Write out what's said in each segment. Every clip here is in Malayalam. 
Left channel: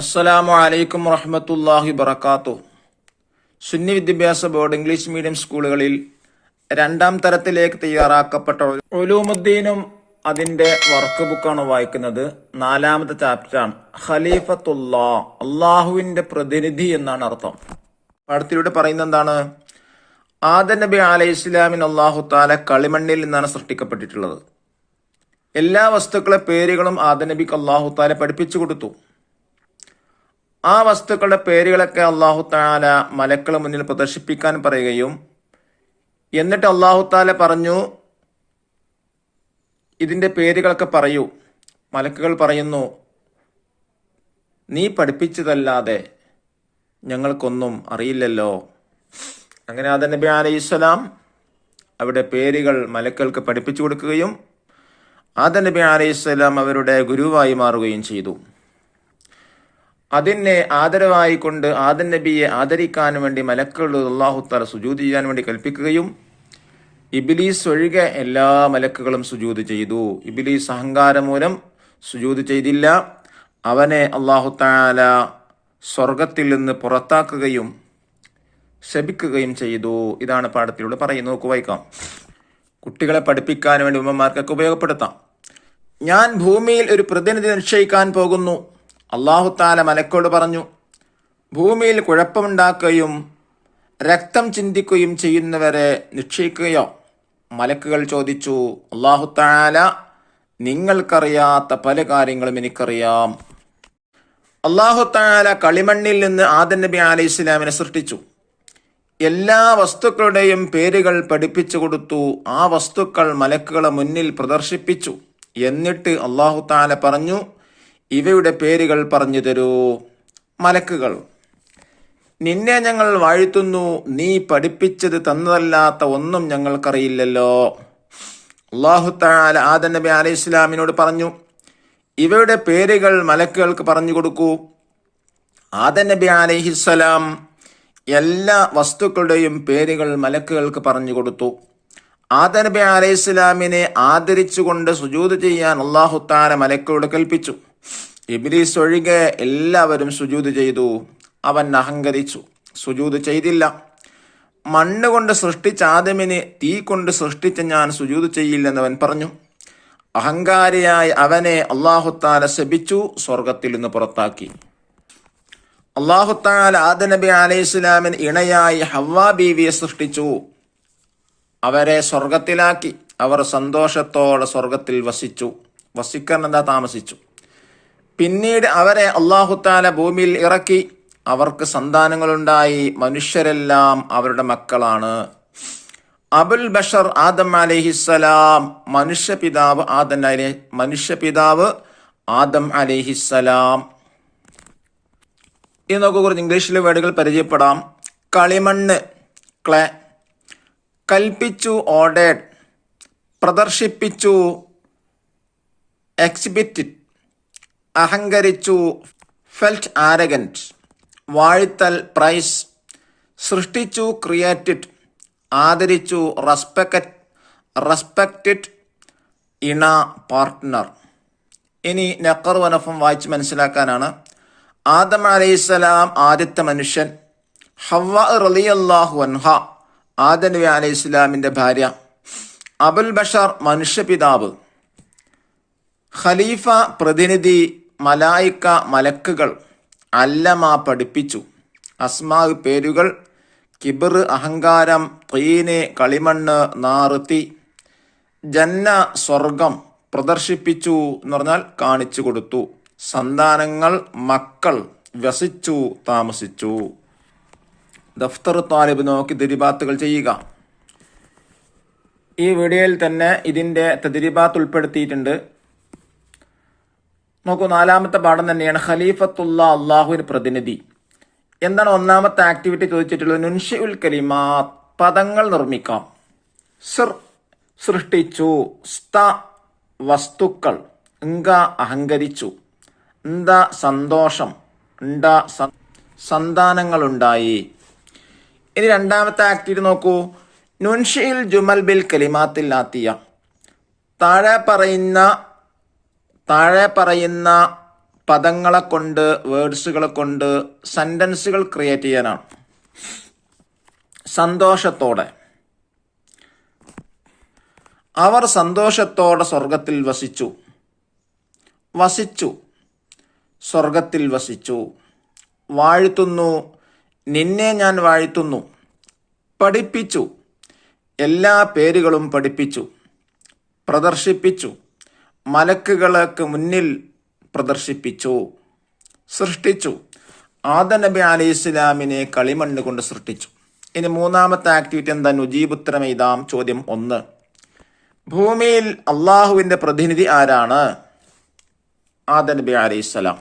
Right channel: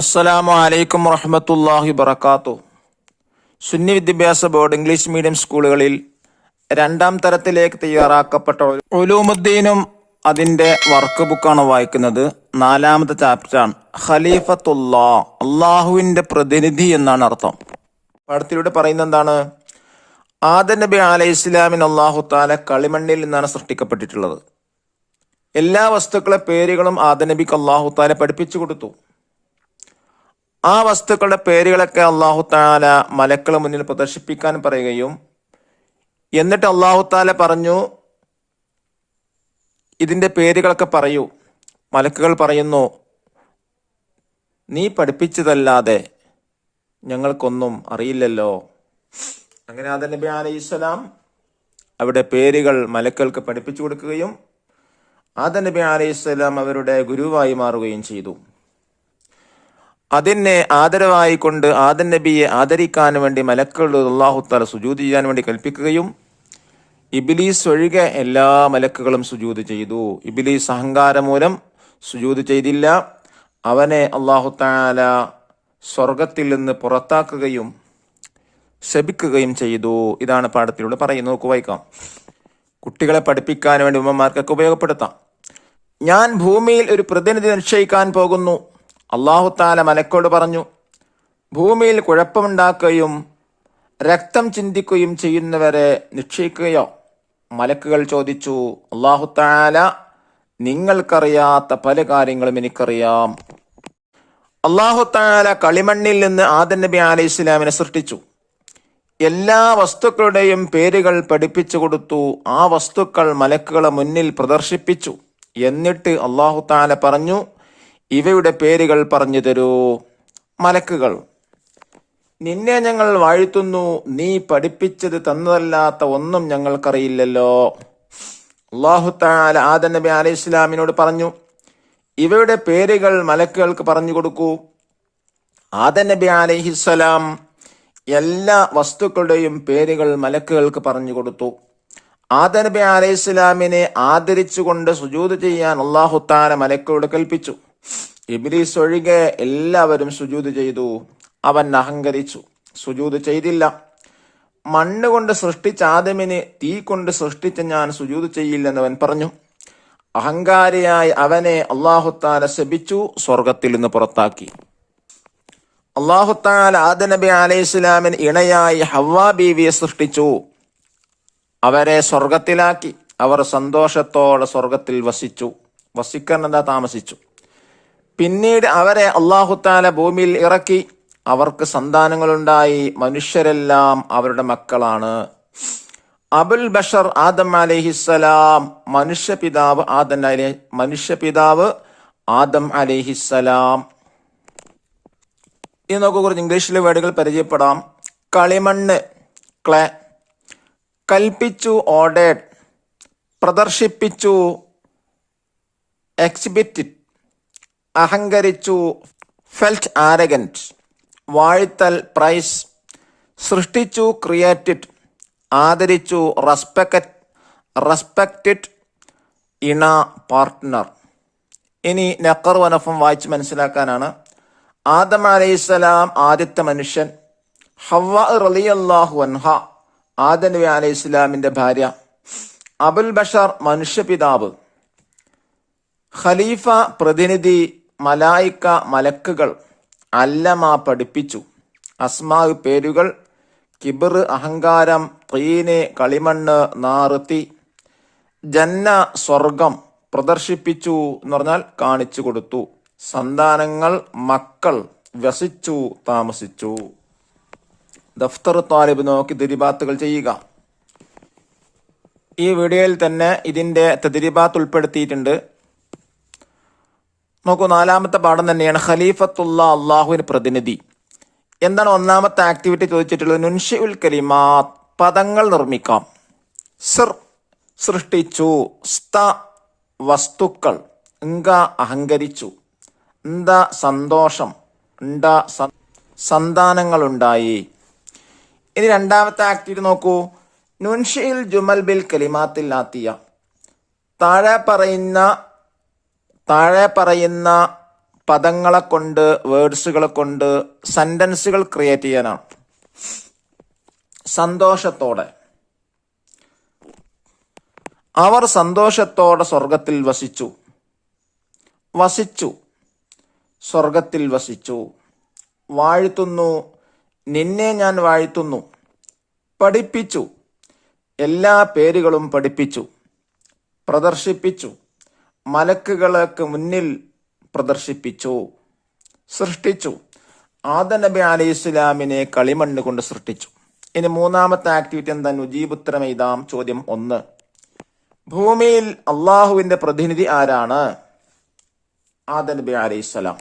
അസ്സലാമു അലൈക്കും വറഹ്മത്തുള്ളാഹി വബറകാതുഹു. സുന്നി വിദ്യാഭ്യാസ ബോർഡ് ഇംഗ്ലീഷ് മീഡിയം സ്കൂളുകളിൽ രണ്ടാം തരത്തിലേക്ക് തയ്യാറാക്കപ്പെട്ട ഉലൂമുദ്ദീനും അതിന്റെ വർക്ക് ബുക്കാണ് വായിക്കുന്നത്. 4ാമത്തെ ചാപ്റ്ററാണ്. ഖലീഫത്തുല്ലാ, അള്ളാഹുവിന്റെ പ്രതിനിധി എന്നാണ് അർത്ഥം. പാഠത്തിലൂടെ പറയുന്നത് എന്താണ്? ആദം നബി അലൈഹി ഇസ്ലാമിന് അള്ളാഹു താല കളിമണ്ണിൽ നിന്നാണ് സൃഷ്ടിക്കപ്പെട്ടിട്ടുള്ളത്. എല്ലാ വസ്തുക്കളെ പേരുകളും ആദം നബിക്ക് അള്ളാഹു താല പഠിപ്പിച്ചു കൊടുത്തു. ആ വസ്തുക്കളുടെ പേരുകളൊക്കെ അള്ളാഹു താല മലക്കളെ മുന്നിൽ പ്രദർശിപ്പിക്കാൻ പറയുകയും എന്നിട്ട് അള്ളാഹു താല പറഞ്ഞു, ഇതിന്റെ പേരുകളൊക്കെ പറയൂ. മലക്കുകൾ പറയുന്നു, നീ പഠിപ്പിച്ചതല്ലാതെ ഞങ്ങൾക്കൊന്നും അറിയില്ലല്ലോ. അങ്ങനെ ആദം നബി അലൈഹിസ്സലാം അവിടെ പേരുകൾ മലക്കുകൾക്ക് പഠിപ്പിച്ചു കൊടുക്കുകയും ആദം നബി അലൈഹിസ്സലാം അവരുടെ ഗുരുവായി മാറുകയും ചെയ്തു. അതിനെ ആദരവായി കൊണ്ട് ആദം നബിയെ ആദരിക്കാൻ വേണ്ടി മലക്കുകൾ അല്ലാഹു തആല സുജൂദ് ചെയ്യാൻ വേണ്ടി കൽപ്പിക്കുകയും ഇബ്ലീസ് ഒഴികെ എല്ലാ മലക്കുകളും സുജൂദ് ചെയ്തു. ഇബ്ലീസ് അഹങ്കാരം മൂലം സുജൂദ് ചെയ്തില്ല. അവനെ അല്ലാഹു തആല സ്വർഗത്തിൽ നിന്ന് പുറത്താക്കുകയും ശപിക്കുകയും ചെയ്തു. ഇതാണ് പാഠത്തിലൂടെ പറയുന്നത്. നോക്കു, വായിക്കാം. കുട്ടികളെ പഠിപ്പിക്കാൻ വേണ്ടി ഉമ്മമാർക്കൊക്കെ ഉപയോഗപ്പെടുത്താം. ഞാൻ ഭൂമിയിൽ ഒരു പ്രതിനിധി നിശ്ചയിക്കാൻ പോകുന്നു. അല്ലാഹു തആല മലക്കോട് പറഞ്ഞു, ഭൂമിയിൽ കുഴപ്പമുണ്ടാക്കുകയും രക്തം ചിന്തിക്കുകയും ചെയ്യുന്നവരെ നിശ്ചയിക്കുകയോ? മലക്കുകൾ ചോദിച്ചു, അല്ലാഹു തആല, നിങ്ങൾക്കറിയാത്ത പല കാര്യങ്ങളും എനിക്കറിയാം. അല്ലാഹു തആല കളിമണ്ണിൽ നിന്ന് ആദം നബി അലൈഹി ഇസ്ലാമിനെ സൃഷ്ടിച്ചു. എല്ലാ വസ്തുക്കളുടെയും പേരുകൾ പഠിപ്പിച്ചു കൊടുത്തു. ആ വസ്തുക്കൾ മലക്കുകളെ മുന്നിൽ പ്രദർശിപ്പിച്ചു. എന്നിട്ട് അല്ലാഹു തആല പറഞ്ഞു, ഇവയുടെ പേരുകൾ പറഞ്ഞു തരൂ. മലക്കുകൾ, നിന്നെ ഞങ്ങൾ വാഴ്ത്തുന്നു, നീ പഠിപ്പിച്ചത് തന്നതല്ലാത്ത ഒന്നും ഞങ്ങൾക്കറിയില്ലല്ലോ. അല്ലാഹു തആല ആദം നബി അലൈഹി ഇസ്ലാമിനോട് പറഞ്ഞു, ഇവയുടെ പേരുകൾ മലക്കുകൾക്ക് പറഞ്ഞു കൊടുക്കൂ. ആദം നബി അലൈഹിസ്സലാം എല്ലാ വസ്തുക്കളുടെയും പേരുകൾ മലക്കുകൾക്ക് പറഞ്ഞു കൊടുത്തു. ആദം നബി അലൈഹി ഇസ്ലാമിനെ ആദരിച്ചുകൊണ്ട് സുജൂദ് ചെയ്യാൻ അല്ലാഹു തആല മലക്കുകളോട് കൽപ്പിച്ചു. ഇബ്ലീസ് ഒഴികെ എല്ലാവരും സുജൂദ് ചെയ്തു. അവൻ അഹങ്കരിച്ചു, സുജൂദ് ചെയ്തില്ല. മണ്ണ് കൊണ്ട് സൃഷ്ടിച്ച ആദമിനെ തീ കൊണ്ട് സൃഷ്ടിച്ച ഞാൻ സുജൂദ് ചെയ്യില്ലെന്നവൻ പറഞ്ഞു. അഹങ്കാരിയായ അവനെ അല്ലാഹു തആല ശപിച്ചു, സ്വർഗത്തിൽ നിന്ന് പുറത്താക്കി. അല്ലാഹു തആല ആദം നബി അലൈഹി ഇസ്ലാമിന് ഇണയായി ഹവ്വാ ബീവിയെ സൃഷ്ടിച്ചു. അവരെ സ്വർഗത്തിലാക്കി. അവർ സന്തോഷത്തോടെ സ്വർഗത്തിൽ വസിക്കാൻ താമസിച്ചു. പിന്നീട് അവരെ അല്ലാഹു തആല ഭൂമിയിൽ ഇറക്കി. അവർക്ക് സന്താനങ്ങളുണ്ടായി. മനുഷ്യരെല്ലാം അവരുടെ മക്കളാണ്. അബുൽ ബഷർ ആദം അലൈഹിസ്സലാം, മനുഷ്യപിതാവ് ആദം അലൈഹിസ്സലാം. ഇനി നമുക്ക് കുറച്ച് ഇംഗ്ലീഷിലെ വേർഡുകൾ പരിചയപ്പെടാം. കളിമണ്ണ്, ക്ലേ. കൽപ്പിച്ചു, ഓർഡേഡ്. പ്രദർശിപ്പിച്ചു, എക്സിബിറ്റഡ്. അഹങ്കരിച്ചു, felt arrogant. വാഴ്ത്തൽ, പ്രൈസ്. സൃഷ്ടിച്ചു, ക്രിയേറ്റഡ്. ആദരിച്ചു, റെസ്പെക്റ്റഡ്. ഇണ, പാർട്ട്ണർ. ഇനി നഖർ വനഫം വായിച്ച് മനസ്സിലാക്കാനാണ്. ആദം അലൈഹിസ്സലാം ആദ്യത്തെ മനുഷ്യൻ. ഹവ്വ റളിയല്ലാഹു അൻഹ ആദം നബി അലൈഹി ഇസ്ലാമിന്റെ ഭാര്യ. അബുൽ ബഷർ മനുഷ്യപിതാവ്. ഖലീഫ പ്രതിനിധി. മലായിക്ക മലക്കുകൾ. അല്ലമ പഠിപ്പിച്ചു. അസ്മാ പേരുകൾ. കിബർ അഹങ്കാരം. തീന് കളിമണ്ണ്, നാറ് തീ. ജന്ന സ്വർഗം. പ്രദർശിപ്പിച്ചു എന്ന് പറഞ്ഞാൽ കാണിച്ചു കൊടുത്തു. സന്താനങ്ങൾ മക്കൾ. വസിച്ചു, താമസിച്ചു. ദഫ്തർ താലിബ് നോക്കി തദ്രീബാത്തുകൾ ചെയ്യുക. ഈ വീഡിയോയിൽ തന്നെ ഇതിന്റെ തദ്രീബാത്ത് ഉൾപ്പെടുത്തിയിട്ടുണ്ട്. നോക്കൂ, 4ാമത്തെ പാഠം തന്നെയാണ്. ഖലീഫത്തുള്ള, അള്ളാഹുവിന് പ്രതിനിധി. എന്താണ് 1ാമത്തെ ആക്ടിവിറ്റി ചോദിച്ചിട്ടുള്ളത്? നുൻഷിഉൽ കലിമാത്ത്, പദങ്ങൾ നിർമ്മിക്കാം. സിർ, സൃഷ്ടിച്ചു. സ്ത, വസ്തുക്കൾ. ഇങ്ക, അഹങ്കരിച്ചു. ഇന്ത, സന്തോഷം. ഇണ്ട, സന്താനങ്ങളുണ്ടായി. ഇനി 2ാമത്തെ ആക്ടിവിറ്റി നോക്കൂ. നുൻഷിഉൽ ജുമൽ ബിൽ കലിമാത്തിൽ ആത്തിയ. താഴെ പറയുന്ന പദങ്ങളെ കൊണ്ട്, വേർഡ്സുകളെ കൊണ്ട് സെന്റൻസുകൾ ക്രിയേറ്റ് ചെയ്യാനാണ്. സന്തോഷത്തോടെ. അവർ സന്തോഷത്തോടെ സ്വർഗത്തിൽ വസിച്ചു. വസിച്ചു, സ്വർഗത്തിൽ വസിച്ചു. വാഴ്ത്തുന്നു, നിന്നെ ഞാൻ വാഴ്ത്തുന്നു. പഠിപ്പിച്ചു, എല്ലാ പേരുകളും പഠിപ്പിച്ചു. പ്രദർശിപ്പിച്ചു, മലക്കുകൾക്ക് മുന്നിൽ പ്രദർശിപ്പിച്ചു. സൃഷ്ടിച്ചു, ആദം നബി അലൈഹി ഇസ്ലാമിനെ കളിമണ്ണ് കൊണ്ട് സൃഷ്ടിച്ചു. ഇനി മൂന്നാമത്തെ ആക്ടിവിറ്റി എന്താ? നുജീബുത്തരം എഴുതാം. ചോദ്യം 1, ഭൂമിയിൽ അള്ളാഹുവിന്റെ പ്രതിനിധി ആരാണ്? ആദം നബി അലൈഹിസ്സലാം.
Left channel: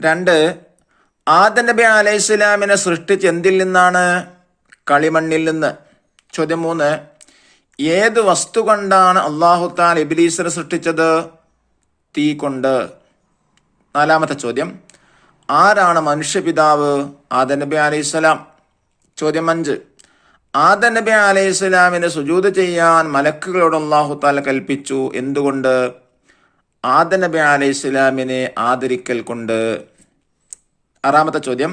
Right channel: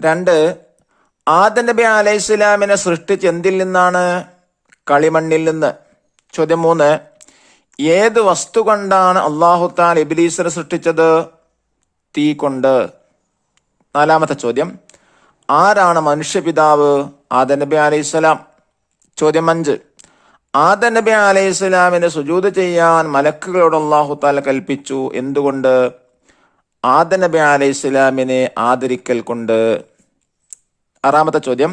2, ആദം നബി അലൈഹിസ്സലാമിനെ സൃഷ്ടിച്ച് എന്തിൽ നിന്നാണ്? കളിമണ്ണിൽ നിന്ന്. ചോദ്യം 3, ഏത് വസ്തു കൊണ്ടാണ് അള്ളാഹു തആല ഇബ്ലീസിനെ സൃഷ്ടിച്ചത്? തീ കൊണ്ട്. 4ാമത്തെ ചോദ്യം, ആരാണ് മനുഷ്യപിതാവ്? ആദം നബി അലൈഹിസ്സലാം. ചോദ്യം 5, ആദം നബി അലൈഹിസ്സലാമിന് സുജൂദ് ചെയ്യാൻ മലക്കുകളോട് അള്ളാഹു തആല കൽപ്പിച്ചു. എന്തുകൊണ്ട്? ആദം നബി അലൈഹിസ്സലാമിനെ ആദരിക്കൽ കൊണ്ട്. 6ാമത്തെ ചോദ്യം,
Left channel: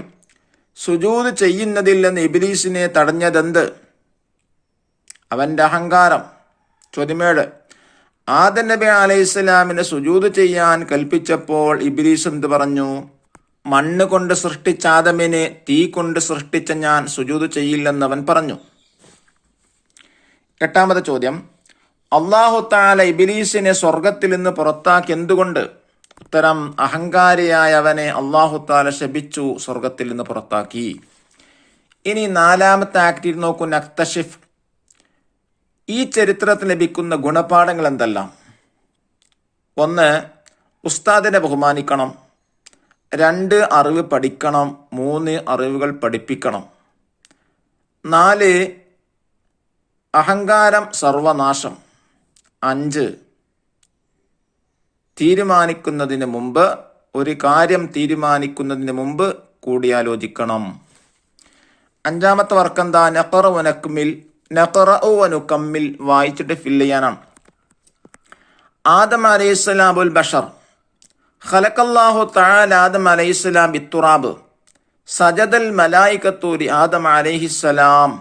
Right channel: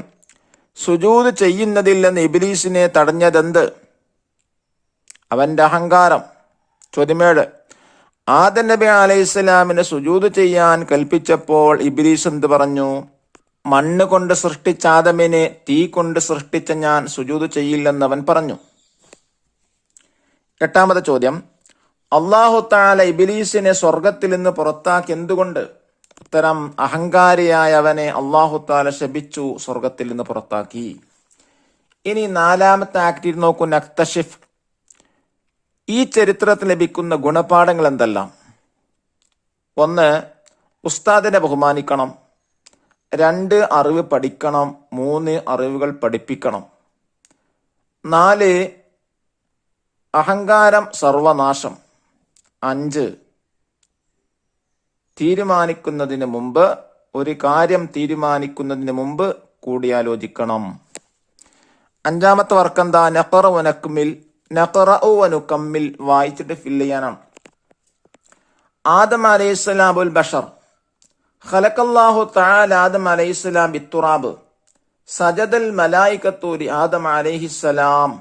സുജൂദ് ചെയ്യുന്നതിൽ നിന്ന് ഇബ്ലീസിനെ തടഞ്ഞതെന്ത്? അവന്റെ അഹങ്കാരം. ചോദ്യം 7, ആദം നബി അലൈഹിസ്സലാമിന് സുജൂദ് ചെയ്യാൻ കൽപ്പിച്ചപ്പോൾ ഇബ്ലീസ് എന്ത് പറഞ്ഞു? മണ്ണ് കൊണ്ട് സൃഷ്ടിച്ച ആദമിനെ തീ കൊണ്ട് സൃഷ്ടിച്ച ഞാൻ സുജൂദ് ചെയ്യില്ലെന്ന് അവൻ പറഞ്ഞു. 8ാമത്തെ ചോദ്യം, അല്ലാഹു തആല ഇബ്ലീസിനെ സ്വർഗത്തിൽ നിന്ന് പുറത്താക്കി എന്തുകൊണ്ട്? ഉത്തരം, അഹങ്കാരിയായ അവനെ അല്ലാഹു തആല ശപിച്ചു, സ്വർഗത്തിൽ നിന്ന് പുറത്താക്കി. ഇനി 4ാമത്തെ ആക്ടിവിറ്റി നോക്കൂ, നക്തഷിഫ്. ഈ ചരിത്രത്തിൽ ലഭിക്കുന്ന ഗുണപാഠങ്ങൾ എന്തെല്ലാം? 1, ഉസ്താദിനെ ബഹുമാനിക്കണം. 2, അറിവ് പഠിക്കണം. 3, അറിവുകൾ പഠിപ്പിക്കണം. 4, അഹങ്കാരം സർവനാശം. 5, തീരുമാനിക്കുന്നതിന് മുമ്പ്, ഒരു കാര്യം തീരുമാനിക്കുന്നതിന് മുമ്പ് കൂടിയാലോചിക്കണം. 5ാമത്തെ വർക്ക് എന്താ? നഖറഉ വനുകമ്മിൽ, വായിച്ചിട്ട് ഫില്ല് ചെയ്യാനാണ്. ആദം അലൈഹിസ്സലാം അബുൽ ബഷർ. ഖലഖല്ലാഹു തആല ആദം അലൈഹിസ്സലാം ബിത്തുറാബ്. സജദൽ മലായികത്തു ലി ആദം അലൈഹിസ്സലാം.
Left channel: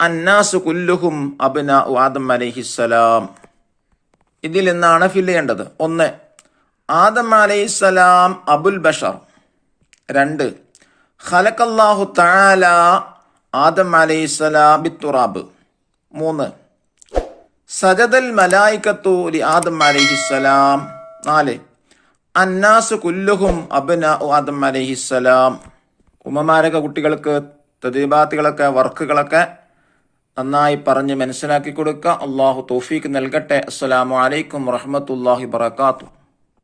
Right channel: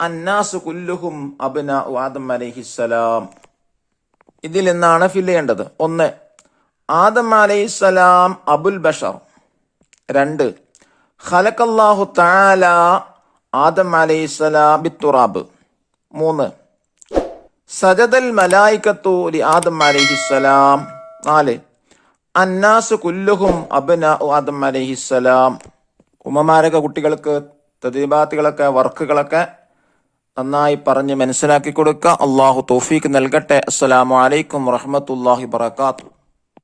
അന്നാസു കുല്ലുഹും അബ്നാഉ ആദം അലൈഹിസ്സലാം. ഇതിൽ നിന്നാണ് ഫില്ല് ചെയ്യേണ്ടത്. 1, ആദം അലൈഹിസ്സലാം അബുൽ ബഷർ. 2, ഖലഖല്ലാഹു തആല ആദം അലൈഹിസ്സലാം ബിത്തുറാബ്. 3, സജദൽ മലായികത്തു ലി ആദം അലൈഹിസ്സലാം. 4, അന്നാസ് കുല്ലുഹും അബ്നാഉ ആദം അലൈഹിസ്സലാം. ഉമ്മമാരൊക്കെ കുട്ടികൾക്ക് തദ്രീബാത്തുകളൊക്കെ, വർക്കുകളൊക്കെ നന്നായി പറഞ്ഞ് മനസ്സിലാക്കി കൊടുക്കുക. അള്ളാഹു തൗഫീഖ് നൽകട്ടെ. അസ്സലാമു അലൈക്കും വറഹ്മത്തുള്ളാഹി വബറകാതുഹു.